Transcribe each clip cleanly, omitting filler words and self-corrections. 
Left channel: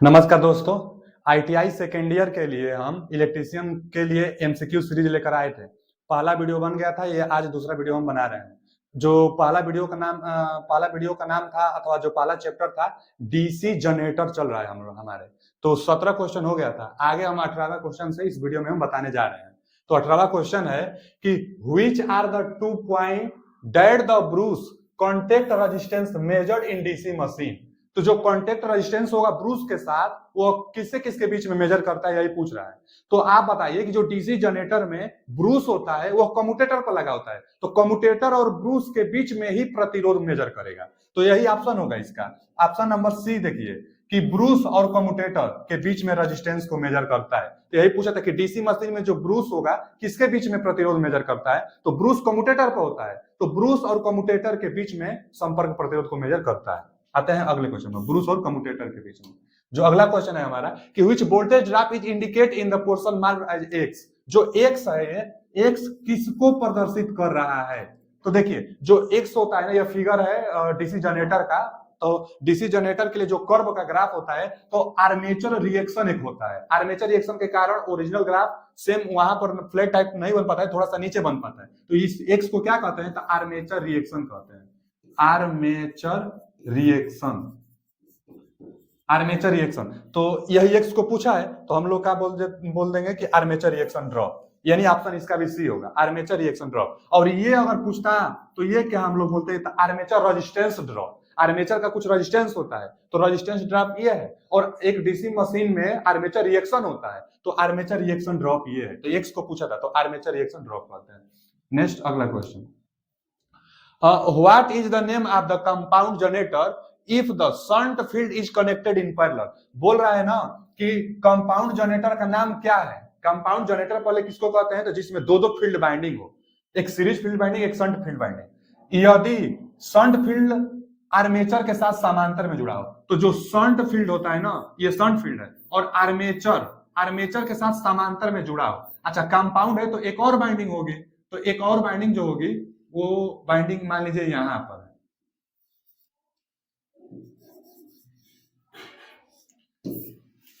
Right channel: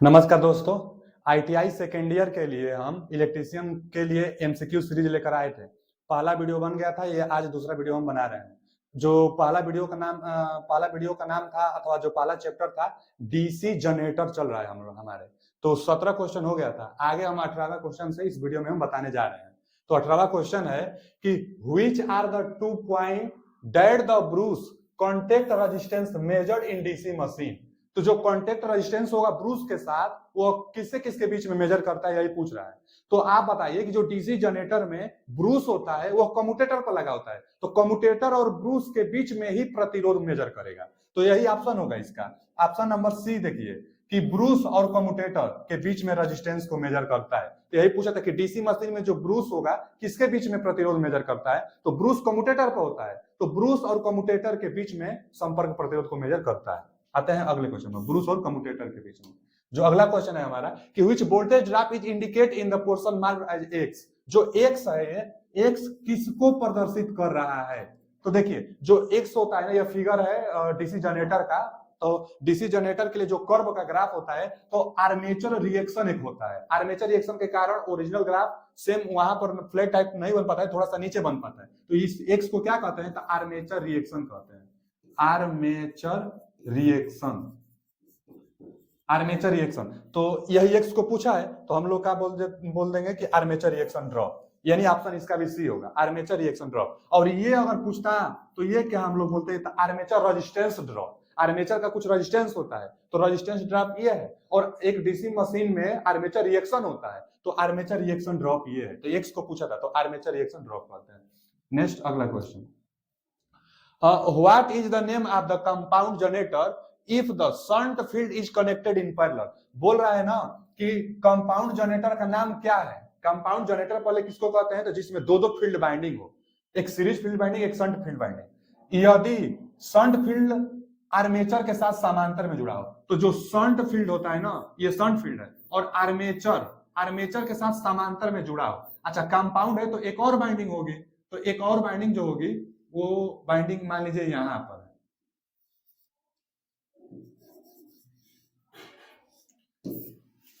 नमस्कार दोस्तों। ITI second year के लिए हम इलेक्ट्रीशियन के लिए एमसीक्यू सीरीज लेकर आए थे। पहला वीडियो बन गया था, ये आज दूसरा वीडियो हम बना रहे हैं। जो पहला वीडियो का नाम था अथवा जो पहला चैप्टर था, डीसी जनरेटर चल रहा है हम लोग हमारे। तो 17 क्वेश्चन हो गया था। आगे हम 18वां क्वेश्चन से इस वीडियो में हम बताने जा रहे हैं। तो 18वां क्वेश्चन है कि which are the 2 point that the brush contact resistance measured in DC machine. तो जो कॉन्टेक्ट रेजिस्टेंस होगा ब्रूस के साथ, वो किससे किसके बीच में मेजर करता है, यही पूछ रहा है। तो आप बताइए कि जो डीसी जनरेटर में ब्रूस होता है वो कम्यूटेटर पर लगा होता है, तो कम्यूटेटर और ब्रूस के बीच में ही प्रतिरोध मेजर करेगा। तो यही ऑप्शन होगा इसका। ऑप्शन नंबर सी देखिए कि ब्रूस और कम्यूटेटर के बीच में रेजिस्टेंस को मेजर करता है। तो यही पूछा था कि डीसी मशीन में जो ब्रूस होगा किसके बीच में प्रतिरोध मेजर करता है, तो ब्रूस कम्यूटेटर पर होता है। तो ब्रूस और कम्यूटेटर के बीच में संपर्क प्रतिरोध को मेजर करता है। आते हैं अगले क्वेश्चन में, ब्रूस और कम्यूटेटर के बीच में। जो अगला क्वेश्चन है हमारा कि which voltage drop is indicate in the portion marked as X. जो एक्स है, एक्स किसको प्रदर्शित कर रहा है? तो देखिए जो एक्स होता है ना, यह फिगर है डीसी जनरेटर का। तो डीसी जनरेटर के लिए जो कर्व का ग्राफ होता है, तो आर्मेचर रिएक्शन एक होता है। आर्मेचर रिएक्शन के कारण ओरिजिनल ग्राफ सेम वहां पर फ्लैट टाइप नहीं बन पाता है, थोड़ा सा नीचे बन पाता है। तो इस एक्स को क्या कहते हैं? तो आर्मेचर रिएक्शन कहते हैं। Armature reaction, armature reaction. तो यही एक्स को पूछा है, तो हम लोग क्या बोल देंगे कि आर्मेचर रिएक्शन ड्रॉप, यानी ऑप्शन इसका भी सी होगा, आर्मेचर रिएक्शन ड्रॉप। और ये अगर पूछता तो ये क्या हम लोग बोलते हैं? Armature resistance drop. आर्मेचर का कुछ रेजिस्टेंस होता है, तो रेजिस्टेंस ड्रॉप ये है। और एक डीसी मशीन में आर्मेचर रिएक्शन होता है, तो आर्मेचर रिएक्शन ड्रॉप ये है। तो एक्स को पूछा था, तो आर्मेचर रिएक्शन ड्रॉप कहते हैं। नेक्स्ट अगला question, what is the name of the compound generator if the shunt field is connected in parallel। बोल रहा है ना कि कंपाउंड जनरेटर का नाम क्या है। कंपाउंड जनरेटर पहले किसको कहते हैं? तो जिसमें दो दो फील्ड बाइंडिंग हो, एक सीरीज फील्ड बाइंडिंग, एक शंट फील्ड बाइंडिंग। यदि शंट फील्ड आर्मेचर के साथ समांतर में जुड़ा हो, तो जो शंट फील्ड होता है ना, ये शंट फील्ड है, और आर्मेचर आर्मेचर के साथ समांतर में जुड़ा हो। अच्छा, कंपाउंड है तो एक और बाइंडिंग होगी, तो एक और बाइंडिंग जो होगी वो बाइंडिंग मान लीजिए यहां पर है।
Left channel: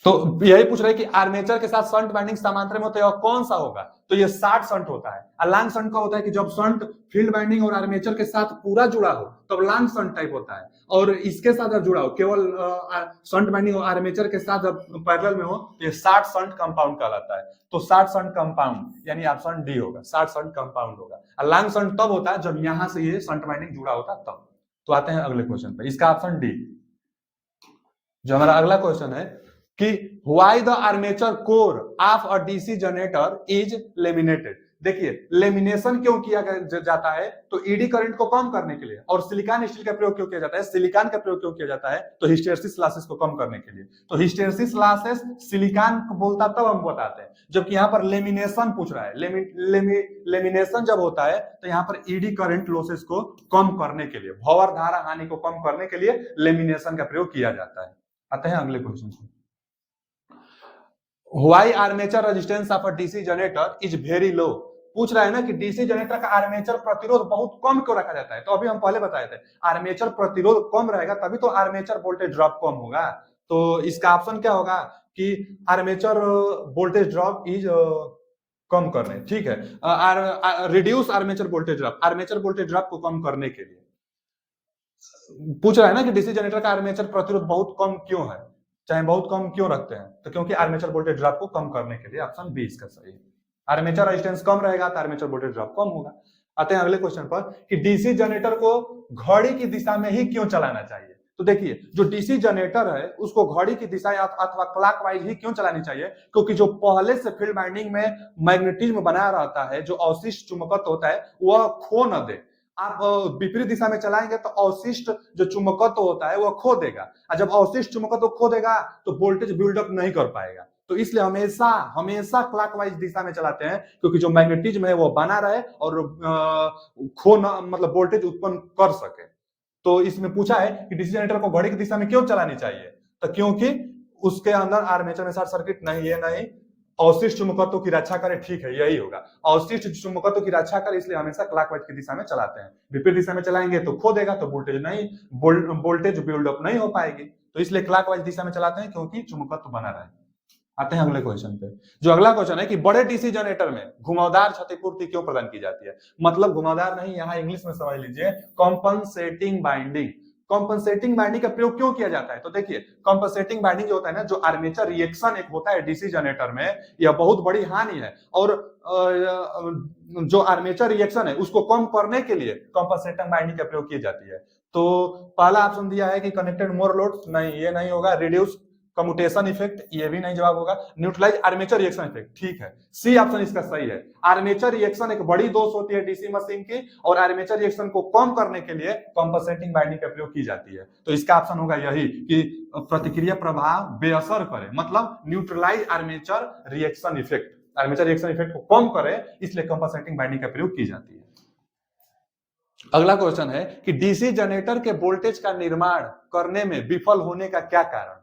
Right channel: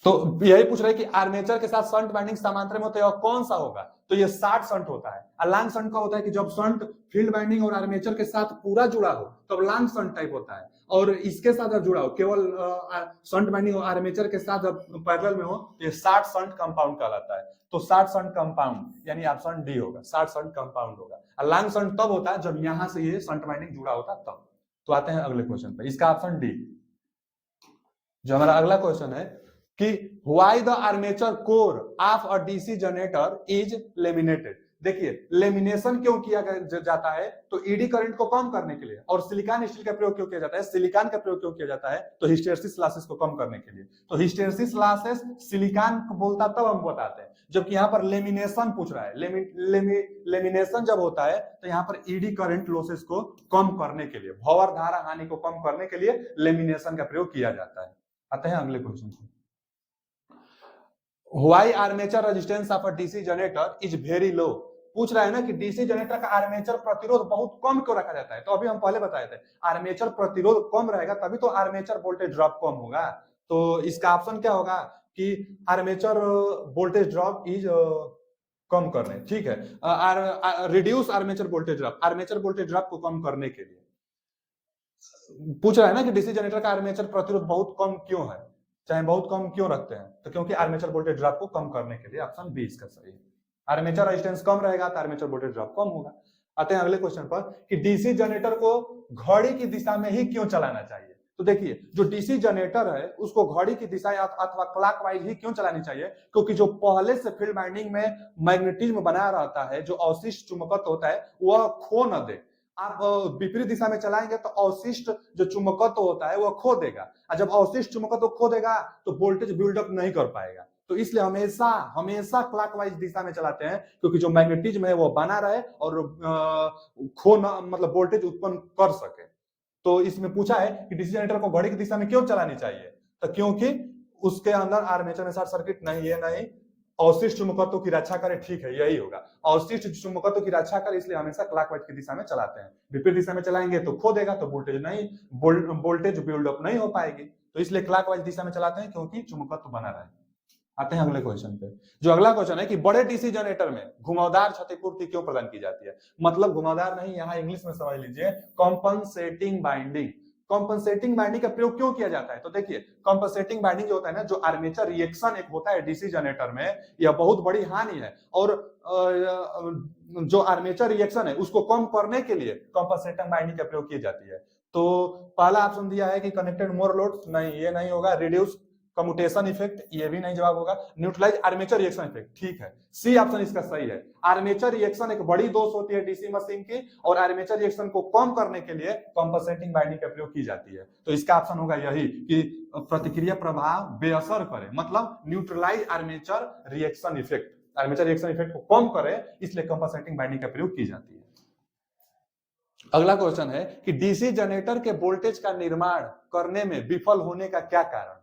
तो यही पूछ रहे हैं कि आर्मेचर के साथ शंट बाइंडिंग समांतर में होता है और कौन सा होगा? तो ये शॉर्ट शंट होता है। और लॉन्ग शंट का होता है कि जब शंट फील्ड बाइंडिंग और आर्मेचर के साथ पूरा जुड़ा हो तब लॉन्ग शंट टाइप होता है। और इसके साथ जब जुड़ा हो, केवल शंट बाइंडिंग और आर्मेचर के साथ जब पैरेलल में हो, तो ये शॉर्ट शंट कंपाउंड कहलाता है। तो शॉर्ट शंट कंपाउंड यानी ऑप्शन डी होगा, शॉर्ट शंट कंपाउंड होगा। और लॉन्ग शंट तब होता है जब यहां से ये शंट बाइंडिंग जुड़ा होता है तब। तो आते हैं अगले क्वेश्चन पे, इसका ऑप्शन डी। जो हमारा अगला क्वेश्चन है कि why the armature core of a DC generator is laminated. देखिए लेमिनेशन क्यों किया जाता है? तो ईडी करंट को कम करने के लिए। और सिलिकॉन स्टील का प्रयोग क्यों किया जाता है? सिलिकॉन का प्रयोग क्यों किया जाता है? तो हिस्टेरेसिस लॉसेस को कम करने के लिए। तो हिस्टेरेसिस लॉसेस सिलिकॉन को बोलता तब हम बताते हैं, जबकि यहाँ पर लेमिनेशन पूछ रहा है। लेमिनेशन जब होता है तो यहाँ पर ईडी करंट लॉसेस को कम करने के लिए, भंवर धारा हानि को कम करने के लिए लेमिनेशन का प्रयोग किया जाता है। आते हैं अगले क्वेश्चन से, why armature resistance of a DC generator is very low. पूछ रहा है ना कि डीसी जनरेटर का आर्मेचर प्रतिरोध बहुत कम क्यों रखा जाता है? तो अभी हम पहले बताए थे, आर्मेचर प्रतिरोध कम रहेगा तभी तो आर्मेचर वोल्टेज ड्रॉप कम होगा। तो इसका ऑप्शन क्या होगा कि armature voltage drop is come करने, ठीक है, reduce armature voltage drop, armature voltage drop को कम करने के लिए पूछ रहा है ना कि डीसी जनरेटर का आर्मेचर प्रतिरोध बहुत कम क्यों है, चाहे बहुत कम क्यों रखते हैं? तो क्योंकि आर्मेचर वोल्टेज ड्रॉप को कम करने के लिए। ऑप्शन बी इसका सही है। आर्मेचर रेजिस्टेंस कम रहेगा तो आर्मेचर वोल्टेज ड्रॉप कम होगा। आते हैं अगले क्वेश्चन पर कि डीसी जनरेटर को घड़ी की दिशा में ही क्यों चलाना चाहिए। तो देखिए जो डीसी जनरेटर है उसको घड़ी की दिशा अथवा क्लॉकवाइज ही क्यों चलानी चाहिए? क्योंकि जो पहले से फील्ड वाइंडिंग में मैग्नेटिज्म बना रहता है, जो अवशिष्ट चुंबकत्व होता है, वह खो न दे। आप विपरीत दिशा में चलाएंगे तो अवशिष्ट जो चुंबकत्व होता है वह खो देगा, और जब अवशिष्ट चुंबकत्व खो देगा तो वोल्टेज बिल्डअप नहीं कर पाएगा। तो इसलिए हमेशा हमेशा क्लॉकवाइज दिशा में चलाते हैं, क्योंकि जो मैग्नेटिज्म है वो बना रहे और खो ना, मतलब वोल्टेज उत्पन्न कर सके। तो इसमें पूछा है कि डीसी जनरेटर को घड़ी की दिशा में क्यों चलानी चाहिए, तो क्योंकि उसके अंदर आर्मेचर में शॉर्ट सर्किट नहीं है, नहीं अवशिष्ट चुंबकत्व की रक्षा करे, ठीक है यही होगा, अवशिष्ट चुंबकत्व की रक्षा करे, इसलिए हमेशा क्लॉकवाइज की दिशा में चलाते हैं। विपरीत दिशा में चलाएंगे तो खो देगा, तो वोल्टेज बिल्डअप नहीं हो पाएगी। तो इसलिए क्लॉकवाइज दिशा में चलाते हैं क्योंकि चुंबकत्व बना रहे। आते हैं अगले क्वेश्चन पे। जो अगला क्वेश्चन है कि बड़े डीसी जनरेटर में घुमावदार क्षतिपूर्ति क्यों प्रदान की जाती है? मतलब घुमावदार नहीं, यहाँ इंग्लिश में समझ लीजिए कॉम्पनसेटिंग बाइंडिंग। कॉम्पनसेटिंग बाइंडिंग का प्रयोग क्यों किया जाता है? तो देखिए कॉम्पनसेटिंग बाइंडिंग जो होता है ना, जो आर्मेचर रिएक्शन एक होता है डीसी जनरेटर में, यह बहुत बड़ी हानि है और जो आर्मेचर रिएक्शन है उसको कम करने के लिए कॉम्पनसेटिंग बाइंडिंग का प्रयोग की जाती है। तो पहला ऑप्शन दिया है कि कनेक्टेड मोर लोड, नहीं ये नहीं होगा। रिड्यूस कम्यूटेशन इफेक्ट, ये भी नहीं जवाब होगा। न्यूट्रलाइज आर्मेचर रिएक्शन इफेक्ट, ठीक है, सी ऑप्शन इसका सही है। आर्मेचर रिएक्शन एक बड़ी दोष होती है डीसी मशीन की और आर्मेचर रिएक्शन को कम करने के लिए कॉम्पनसेटिंग बाइंडिंग का प्रयोग की जाती है। तो इसका ऑप्शन होगा यही कि प्रतिक्रिया प्रभाव बेअसर करे, मतलब neutralize armature reaction effect, armature reaction effect को कम करे, इसलिए कॉम्पनसेटिंग बाइंडिंग का प्रयोग की जाती है। अगला क्वेश्चन है कि डीसी जनरेटर के वोल्टेज का निर्माण करने में विफल होने का क्या कारण है?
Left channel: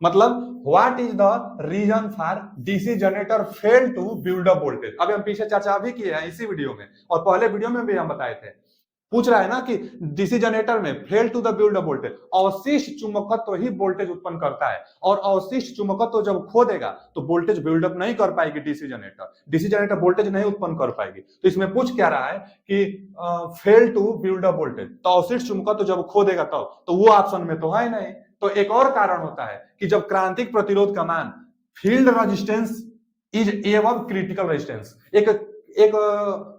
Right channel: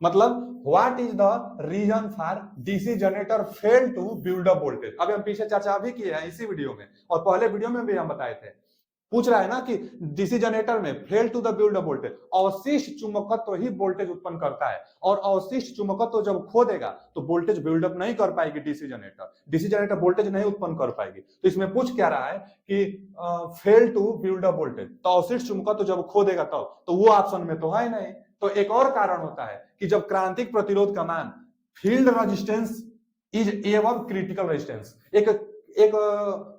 मतलब what is the reason for DC generator fail to build up voltage. अभी हम पीछे चर्चा भी किए हैं इसी वीडियो में और पहले वीडियो में भी हम बताए थे। पूछ रहा है ना कि डीसी जनरेटर में fail to the build up voltage, अवशिष्ट चुंबकत्व ही वोल्टेज उत्पन्न करता है और अवशिष्ट चुंबकत्व जब खो देगा तो वोल्टेज बिल्डअप नहीं कर पाएगी DC generator, DC generator voltage नहीं उत्पन्न कर पाएगी। तो इसमें पूछ क्या रहा है कि fail to build up voltage, तो अवशिष्ट चुंबकत्व जब खो देगा तब, तो वो ऑप्शन में तो है नहीं। तो एक और कारण होता है कि जब क्रांतिक प्रतिरोध का मान field resistance is above critical resistance, एक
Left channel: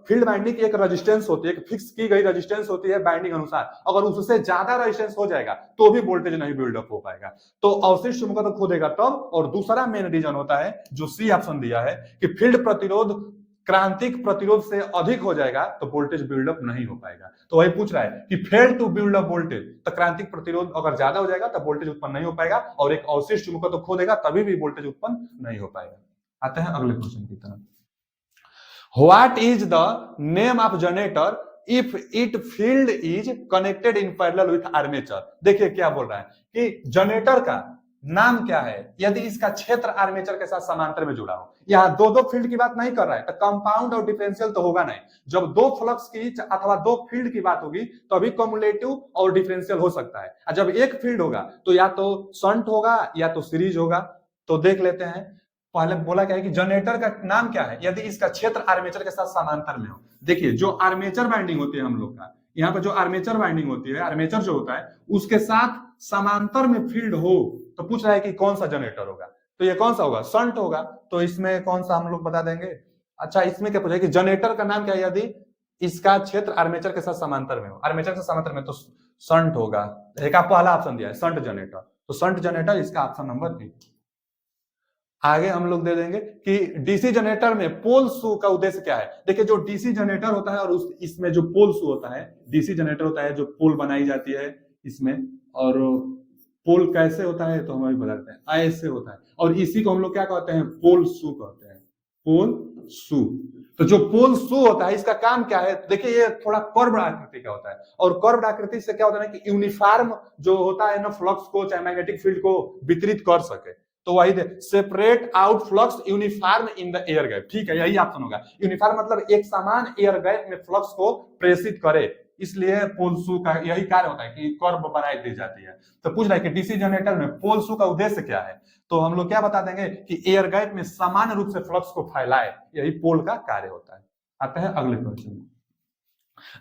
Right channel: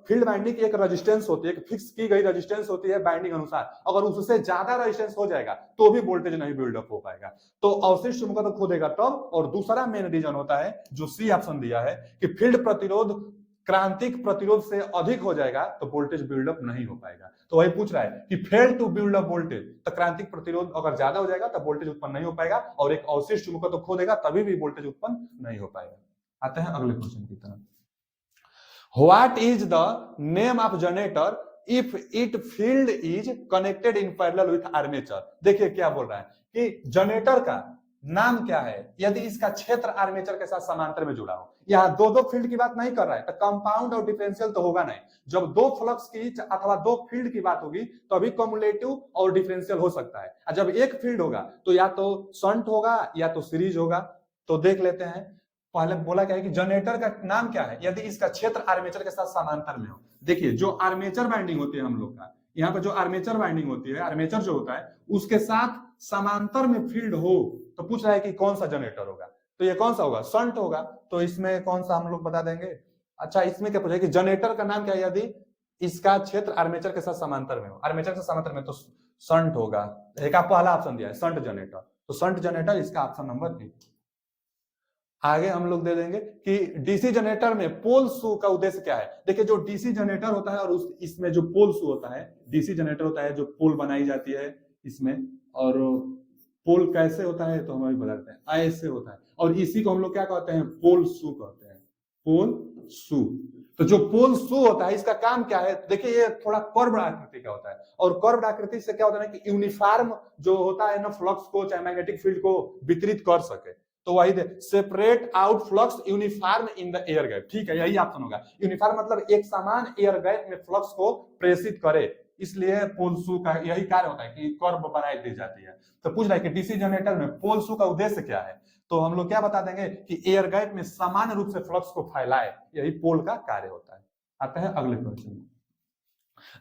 फील्ड बाइंडिंग की एक रेजिस्टेंस होती है, एक फिक्स की गई रेजिस्टेंस होती है बाइंडिंग अनुसार, अगर उससे ज्यादा रेजिस्टेंस हो जाएगा तो भी वोल्टेज नहीं बिल्डअप हो पाएगा, तो अवशिष्ट चुंबकत्व खो देगा तब। और दूसरा मेन रीजन होता है जो सी ऑप्शन दिया है कि फील्ड प्रतिरोध क्रांतिक प्रतिरोध से अधिक हो जाएगा तो वोल्टेज बिल्डअप नहीं हो पाएगा। तो वही पूछ रहा है कि fail to build up voltage, तो क्रांतिक प्रतिरोध अगर ज्यादा हो जाएगा तब वोल्टेज उत्पन्न नहीं हो पाएगा और एक अवशिष्ट चुंबकत्व खो देगा तभी भी वोल्टेज उत्पन्न नहीं हो पाएगा। आते हैं अगले क्वेश्चन की तरफ। What is the name of generator if its field is connected in parallel with armature? देखिए क्या बोल रहा है कि जनरेटर का नाम क्या है यदि इसका क्षेत्र आर्मेचर के साथ समांतर में जुड़ा हो। यहाँ दो दो फील्ड की बात नहीं कर रहा है, तो कंपाउंड और डिफरेंशियल तो होगा नहीं। जब दो फ्लक्स की अथवा दो फील्ड की बात होगी तो अभी कम्युलेटिव और डिफरेंशियल हो सकता है, और जब एक फील्ड होगा तो या तो शंट होगा या तो सीरीज होगा। तो देख लेते हैं, पहले बोला क्या है कि जनरेटर का नाम क्या है यदि इसका क्षेत्र आर्मेचर के साथ समांतर में हो। देखिए जो आर्मेचर बाइंडिंग होती है हम लोग का, यहाँ पर जो आर्मेचर बाइंडिंग होती है, आर्मेचर जो होता है उसके साथ समांतर में फील्ड हो, तो पूछ रहा है कि कौन सा जनरेटर होगा। तो ये कौन सा होगा? शंट होगा। तो इसमें कौन सा हम लोग बता देंगे? अच्छा इसमें क्या पूछा कि जनरेटर का नाम क्या है यदि इसका क्षेत्र आर्मेचर के साथ समांतर में हो, आर्मेचर के समांतर में, तो शंट होगा। एक पहला ऑप्शन दिया है शंट जनरेटर, तो शंट जनरेटर इसका ऑप्शन नंबर बी। आगे हम लोग दे देंगे कि डीसी जनरेटर में पोल शू का उद्देश्य क्या है। देखिए जो डीसी जनरेटर होता है और इसमें जो पोल शू होता है, डीसी जनरेटर होता है जो पोल बनाई जाती है इसमें, और पोल कैसे होता है तो हम अभी बताते हैं, ऐसे होता है, और इसी को हम लोग क्या कहते हैं? पोल शू कहते हैं, पोल शू। तो जो पोल शू होता है इसका काम क्या है? देखिए ये थोड़ा कर्व आकृति का होता है, और कर्व आकृति से क्या होता है कि यूनिफॉर्म जो होता है ना फ्लक्स को चाहे मैग्नेटिक फील्ड को वितरित कर सके। तो वही separate out flux uniform in the air gap, ठीक है यही ऑप्शन होगा। यूनिफॉर्म मतलब एक समान एयर गैप में फ्लक्स को प्रेषित करे, इसलिए पोल शू का यही कार्य होता है कि कर्व बनाई दी जाती है। तो पूछ रहा है कि डीसी जनरेटर में पोल शू का उद्देश्य क्या है, तो हम लोग क्या बता देंगे कि एयर गैप में समान रूप से फ्लक्स को फैलाए, यही पोल का कार्य होता है। आते हैं अगले क्वेश्चन।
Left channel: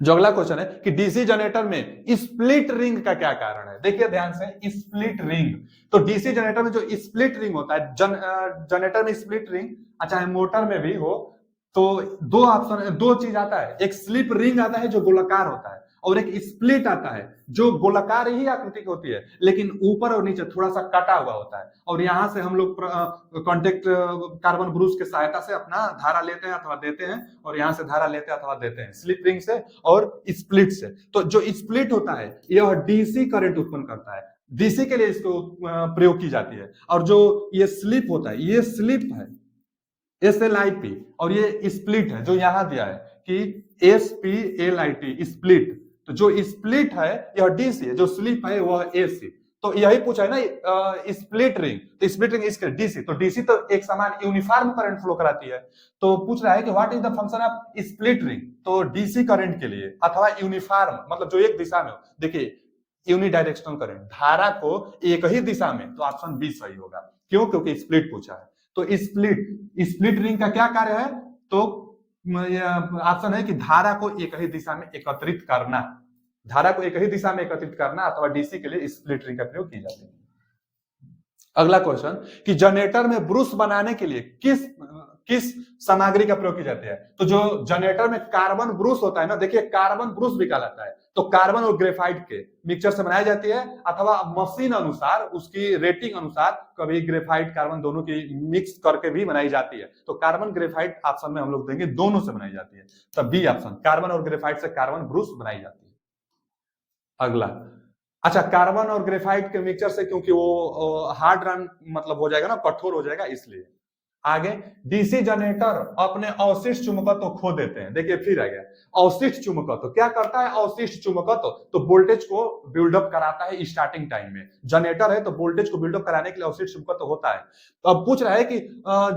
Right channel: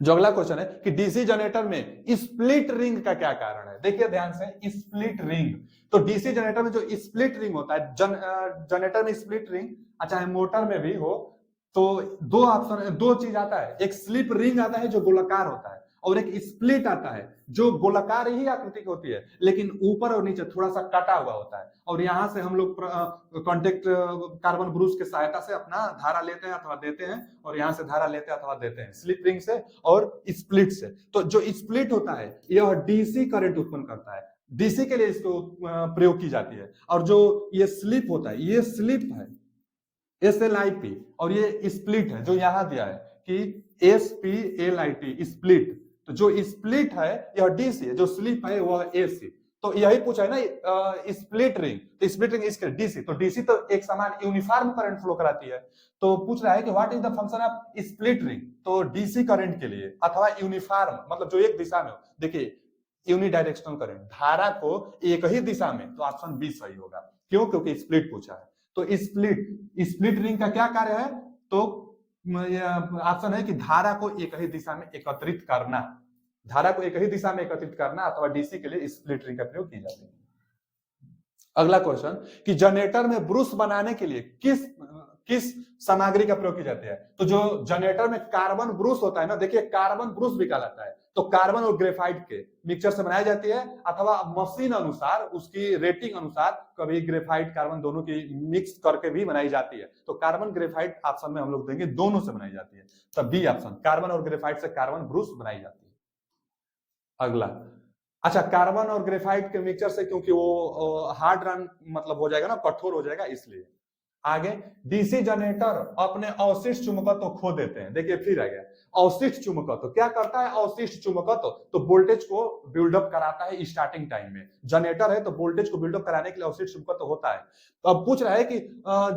जो अगला क्वेश्चन है कि डीसी जनरेटर में स्प्लिट रिंग का क्या कारण है। देखिए ध्यान से, स्प्लिट रिंग, तो डीसी जनरेटर में जो स्प्लिट रिंग होता है, जनरेटर में स्प्लिट रिंग, चाहे मोटर में भी हो, तो दो ऑप्शन, दो चीज आता है, एक स्लिप रिंग आता है जो गोलाकार होता है, और एक स्प्लिट आता है जो गोलाकार ही आकृति की होती है लेकिन ऊपर और नीचे थोड़ा सा कटा हुआ होता है, और यहां से हम लोग कॉन्टेक्ट कार्बन ब्रूस की सहायता से अपना धारा लेते हैं अथवा देते हैं, और यहां से धारा लेते हैं अथवा देते हैं स्लिप रिंग से और स्प्लिट से। तो जो स्प्लिट होता है यह डीसी करंट उत्पन्न करता है, डीसी के लिए इसको प्रयोग की जाती है। और जो ये स्लिप होता है, ये स्लिप है SLIP, और ये स्प्लिट है जो यहां दिया है कि SPLIT स्प्लिट। तो जो स्प्लिट है यह डीसी है, जो स्लिप है वह एसी। तो यही पूछा है ना स्प्लिट रिंग, तो स्प्लिट रिंग इसके डीसी, तो डीसी तो एक समान यूनिफॉर्म करंट फ्लो कराती है। तो पूछ रहा है कि what is the function of split ring, तो डीसी करंट के लिए अथवा यूनिफॉर्म मतलब जो एक दिशा में हो। देखिए यूनिडायरेक्शनल करंट, धारा को एक ही दिशा में, तो ऑप्शन बी सही होगा। क्यों? क्योंकि स्प्लिट पूछा है। तो स्प्लिट रिंग का क्या कार्य है? तो ऑप्शन है कि धारा को एक ही दिशा में एकत्रित करना, धारा को एक ही दिशा में एकत्रित करना, अथवा डीसी के लिए स्प्लिट रिंग का प्रयोग की जाती है। अगला क्वेश्चन कि जनरेटर में ब्रूस बनाने के लिए किस सामग्री का प्रयोग किया जाता है? तो जो जनरेटर में कार्बन ब्रूस होता है ना, देखिए कार्बन ब्रूस भी कहलाता है, तो कार्बन और ग्रेफाइट के मिक्सचर से बनाई जाती है, अथवा मशीन अनुसार उसकी रेटिंग अनुसार कभी ग्रेफाइट कार्बन दोनों की मिक्स करके भी बनाई जाती है। तो कार्बन ग्रेफाइट ऑप्शन में हम लोग देंगे दोनों से बनाई जाती है, तब बी ऑप्शन, कार्बन और ग्रेफाइट से कार्बन ब्रूस बनाई जाती है। अगला, अच्छा कार्बन और ग्रेफाइट के मिक्सचर से, क्योंकि वो हार्ड रन मतलब हो जाएगा ना, कठोर हो जाएगा, इसलिए। आगे, डीसी जनरेटर अपने अवशिष्ट चुंबकत्व खो देते हैं। देखिए फिर आ गया अवशिष्ट चुंबकत्व, क्या करता है अवशिष्ट चुंबकत्व? तो वोल्टेज को बिल्डअप कराता है स्टार्टिंग टाइम में। जनरेटर है तो वोल्टेज को बिल्डअप कराने के लिए अवशिष्ट चुंबकत्व होता है। तो अब पूछ रहा है कि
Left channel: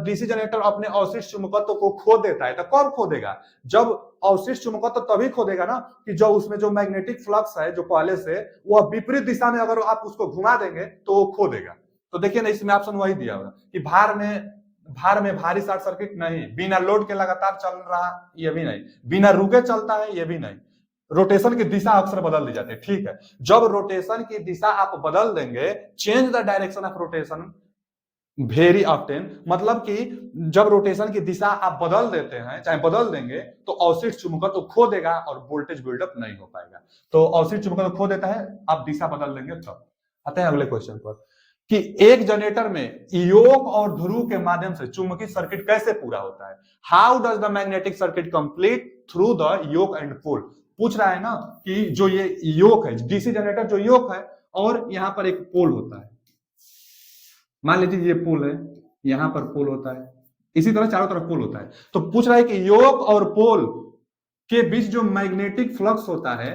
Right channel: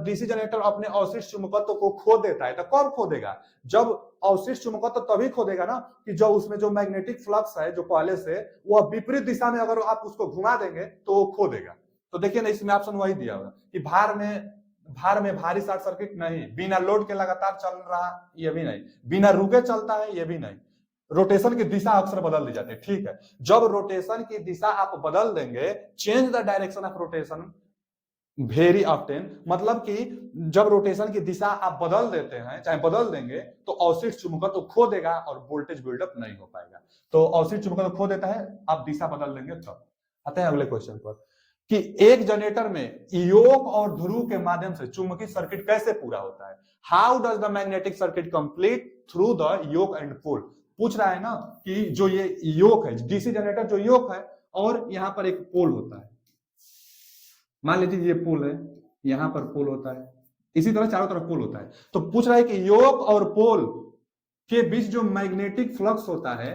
डीसी जनरेटर अपने अवशिष्ट चुंबकत्व को खो देता है, तो कब खो देगा? जब अवशिष्ट चुंबकत्व तभी खो देगा ना कि जब उसमें जो मैग्नेटिक फ्लक्स है जो पहले से, वह विपरीत दिशा में अगर आप उसको घुमा देंगे तो वो खो देगा। तो देखिए ना, इसमें ऑप्शन वही दिया हुआ कि भार में भारी शॉर्ट सर्किट नहीं, बिना लोड के लगातार चल रहा ये भी नहीं, बिना रुके चलता है ये भी नहीं, रोटेशन की दिशा अक्सर बदल दी जाती है। ठीक है, जब रोटेशन की दिशा आप बदल देंगे, change the direction of rotation very often, मतलब कि जब रोटेशन की दिशा आप बदल देते हैं, चाहे बदल देंगे, तो अवशिष्ट चुंबकत्व तो खो देगा और वोल्टेज बिल्डअप नहीं हो पाएगा। तो अवशिष्ट चुंबकत्व तो खो देता है, आप दिशा बदल देंगे तब। आते हैं अगले क्वेश्चन पर कि एक जनरेटर में योक और ध्रुव के माध्यम से चुंबकीय सर्किट कैसे पूरा होता है? How does the magnetic circuit complete through the yoke and pole? पूछ रहा है ना कि जो ये योक है, डीसी जनरेटर जो योक है, और यहां पर एक पोल होता है, मान लीजिए ये पोल है, यहां पर पोल होता है, इसी तरह चारों तरफ पोल होता है। तो पूछ रहा है कि योक और पोल के बीच जो मैग्नेटिक फ्लक्स होता है,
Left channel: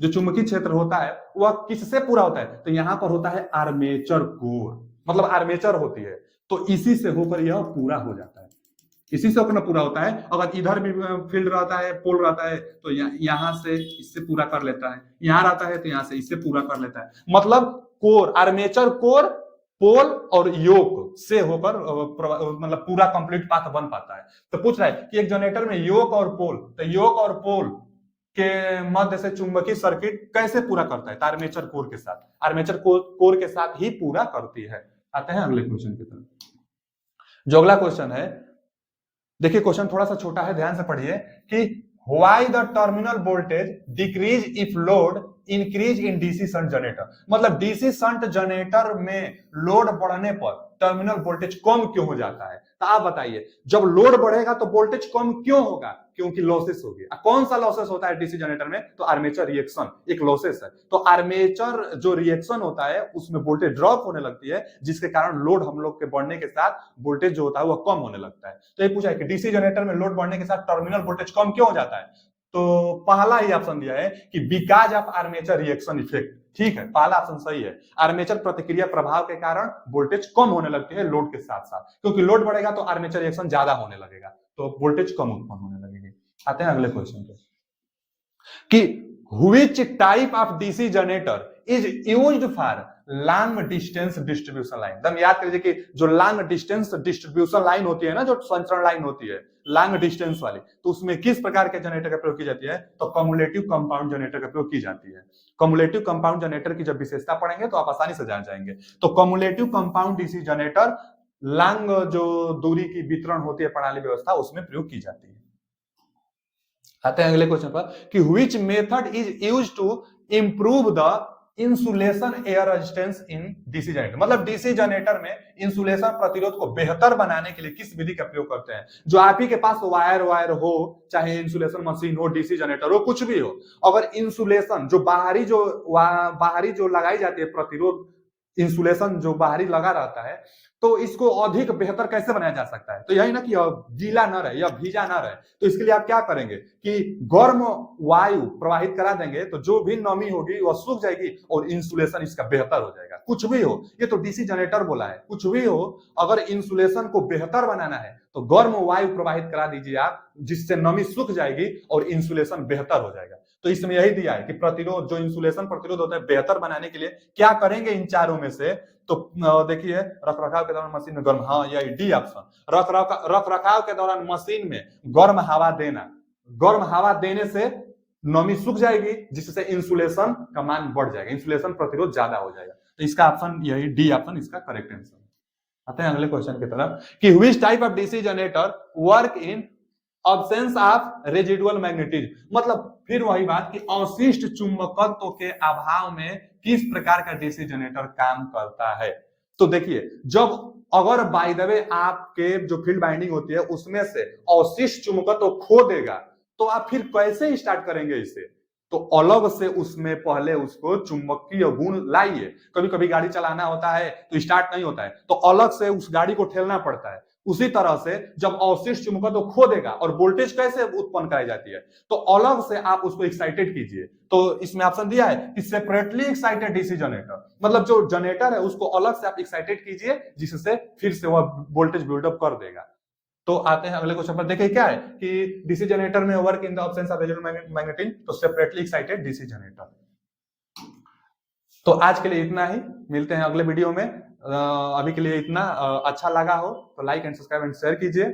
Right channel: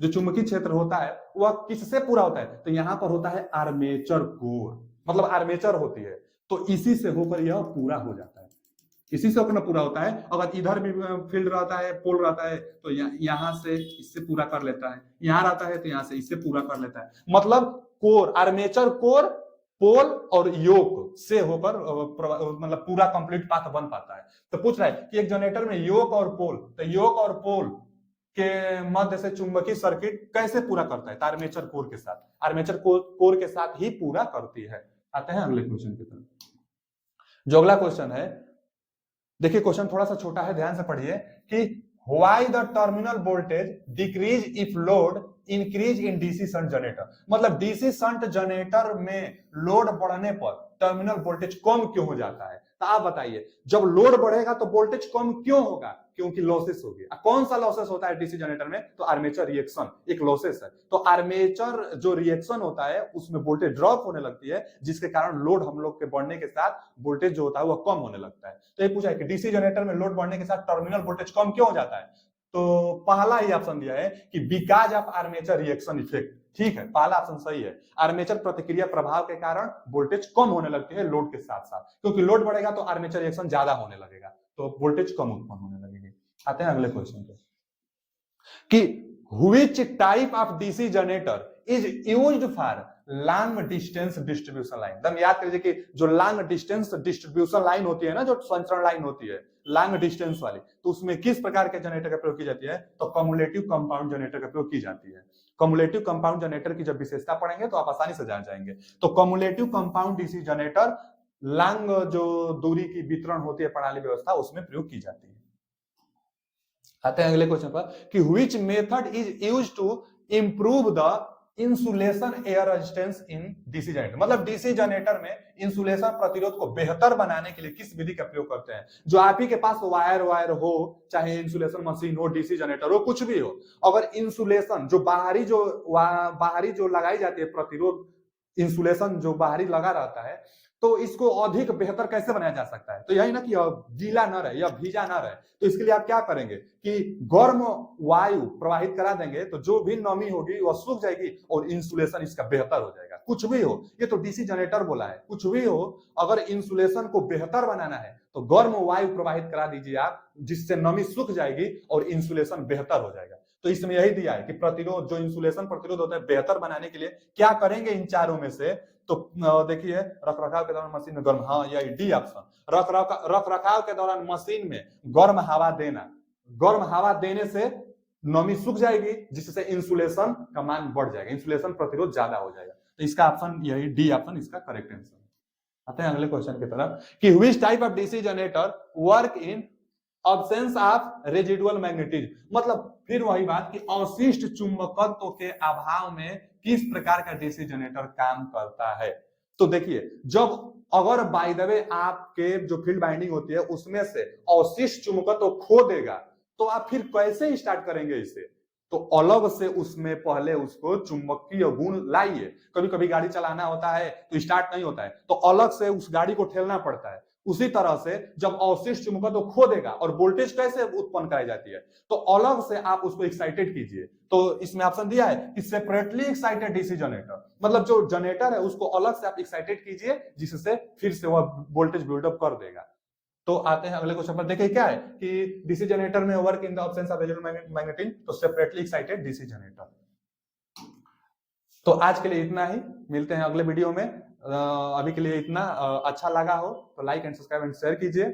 जो चुंबकीय क्षेत्र होता है, वह किससे पूरा होता है? तो यहां पर होता है आर्मेचर कोर, मतलब आर्मेचर होती है, तो इसी से होकर यह पूरा हो जाता है, इसी से अपना पूरा होता है। अगर इधर भी फील्ड रहता है, पोल रहता है, तो यहां से इससे पूरा कर लेता है, यहां रहता है तो यहां से इससे पूरा कर लेता है। मतलब कोर, आर्मेचर कोर, पोल और योक से होकर मतलब पूरा कंप्लीट पाथ बन पाता है। तो पूछ रहा है कि एक जनरेटर में योक और पोल, तो योक और पोल के मध्य से चुंबकीय सर्किट कैसे पूरा करता है? तो आर्मेचर कोर के साथ, आर्मेचर कोर के साथ ही पूरा करती है। आते हैं अगले क्वेश्चन की तरफ। जो अगला क्वेश्चन है, देखिए क्वेश्चन थोड़ा सा छोटा है, ध्यान से पढ़िए कि why the terminal voltage decrease if load increase in DC shunt generator? मतलब डीसी शंट जनरेटर में लोड बढ़ने पर टर्मिनल वोल्टेज कम क्यों हो जाता है? तो आप बताइए, जब लोड बढ़ेगा तो वोल्टेज कम क्यों होगा? क्योंकि लॉसेस होगी। कौन सा लॉसेस होता है डीसी जनरेटर में? तो आर्मेचर रिएक्शन एक लॉसेस है। तो आर्मेचर जो रिएक्शन होता है उसमें वोल्टेज ड्रॉप होने लगती है, जिसके कारण लोड हम लोग के बढ़ने के साथ वोल्टेज जो होता है वह कम होने लगता है। तो ये पूछा है कि डीसी जनरेटर में लोड बढ़ने के साथ टर्मिनल वोल्टेज कम क्यों हो जाता है? तो पहला ही ऑप्शन दिया है कि because of armature reaction effect. ठीक है, पहला ऑप्शन सही है, आर्मेचर प्रतिक्रिया प्रभाव के कारण वोल्टेज कम होने लगती है लोड के साथ साथ, क्योंकि लोड बढ़ेगा तो आर्मेचर रिएक्शन ज्यादा होने लगेगा, तो वोल्टेज कम उत्पन्न होने लगेगी। आते हैं अगले क्वेश्चन पे कि which type of DC generator is used for long distance distribution line? एकदम याद करिए कि जो लॉन्ग डिस्टेंस डिस्ट्रीब्यूशन लाइन होती है ना, जो संचरण लाइन होती है लॉन्ग डिस्टेंस वाली, तो उसमें किस प्रकार के जनरेटर का प्रयोग की जाती है? तो कम्युलेटिव कंपाउंड जनरेटर का प्रयोग की जाती है। कम्युलेटिव कंपाउंड जनरेटर की जब विशेषता पढ़ेंगे तो आप आसानी से जान जाएंगे। तो cumulative compound DC generator long जो दूरी की वितरण होती है प्रणाली व्यवस्था, उसमें प्रयोग की जाती है। आते हैं अगले क्वेश्चन पर कि which method is used to improve the insulation air resistance in DC generator? मतलब डीसी जनरेटर में इंसुलेशन प्रतिरोध को बेहतर बनाने के लिए किस विधि का प्रयोग करते हैं? जो आप ही के पास वायर हो, चाहे इंसुलेशन मशीन हो, डीसी जनरेटर हो, कुछ भी हो, अगर इंसुलेशन जो बाहरी जो लगाई जाती है प्रतिरोध, इंसुलेशन जो बाहरी लगा रहता है, तो इसको अधिक बेहतर कैसे बनाया जा सकता है? तो यही ना कि गीला न रहे या भीजा न रहे, तो इसके लिए आप क्या करेंगे कि गर्म वायु प्रवाहित करा देंगे, तो जो भी नमी होगी वह सूख जाएगी और इंसुलेशन इसका बेहतर हो जाएगा। कुछ भी हो, ये तो डीसी जनरेटर बोला है, कुछ भी हो, अगर इंसुलेशन को बेहतर बनाना है तो गर्म वायु प्रवाहित करा दीजिए आप, जिससे नमी सूख जाएगी और इंसुलेशन बेहतर हो जाएगा। तो इसमें यही दिया है कि प्रतिरोध, जो इंसुलेशन प्रतिरोध होता है, बेहतर बनाने के लिए क्या करेंगे इन चारों में से। तो देखिए, रख रखाव के दौरान मशीन में गर्म, हाँ यही डी ऑप्शन, रख रखाव के दौरान मशीन में गर्म हवा देना। गर्म हवा देने से नमी सूख जाएगी, जिससे इंसुलेशन का मान बढ़ जाएगा, इंसुलेशन प्रतिरोध ज्यादा हो जाएगा। तो इसका ऑप्शन यही डी ऑप्शन इसका करेक्ट आंसर। आते हैं अगले क्वेश्चन की तरफ कि which type of DC generator work in absence of residual magnetism. मतलब फिर वही बात कि अवशिष्ट चुंबकत्व के अभाव में किस प्रकार का डीसी जनरेटर काम करता है। तो देखिए, जब अगर बाय द वे आपके जो फील्ड बाइंडिंग होती है उसमें से अवशिष्ट चुंबकत्व खो देगा, तो आप फिर कैसे स्टार्ट करेंगे इसे। तो अलग से उसमें पहले उसको चुंबकीय गुण लाइए। कभी कभी गाड़ी चलाना होता है तो स्टार्ट नहीं होता है, तो अलग से उस गाड़ी को ठेलना पड़ता है। उसी तरह से जब अवशिष्ट चुंबकत्व खो देगा, और वोल्टेज कैसे उत्पन्न कराई जाती है, तो अलग से आप उसको एक्साइटेड कीजिए। तो इसमें ऑप्शन दिया है कि सेपरेटली एक्साइटेड डीसी जनरेटर, मतलब जो जनरेटर है उसको अलग से आप एक्साइटेड कीजिए, जिससे फिर से वह वोल्टेज बिल्डअप कर देगा। तो आते हैं अगले क्वेश्चन पर। देखिए क्या है कि डीसी जनरेटर में work in the absence of residual magnetism, तो सेपरेटली एक्साइटेड डीसी जनरेटर। तो आज के लिए इतना ही, मिलते हैं अगले वीडियो में। अभी के लिए इतना। अच्छा लगा हो तो like and subscribe and share कीजिए।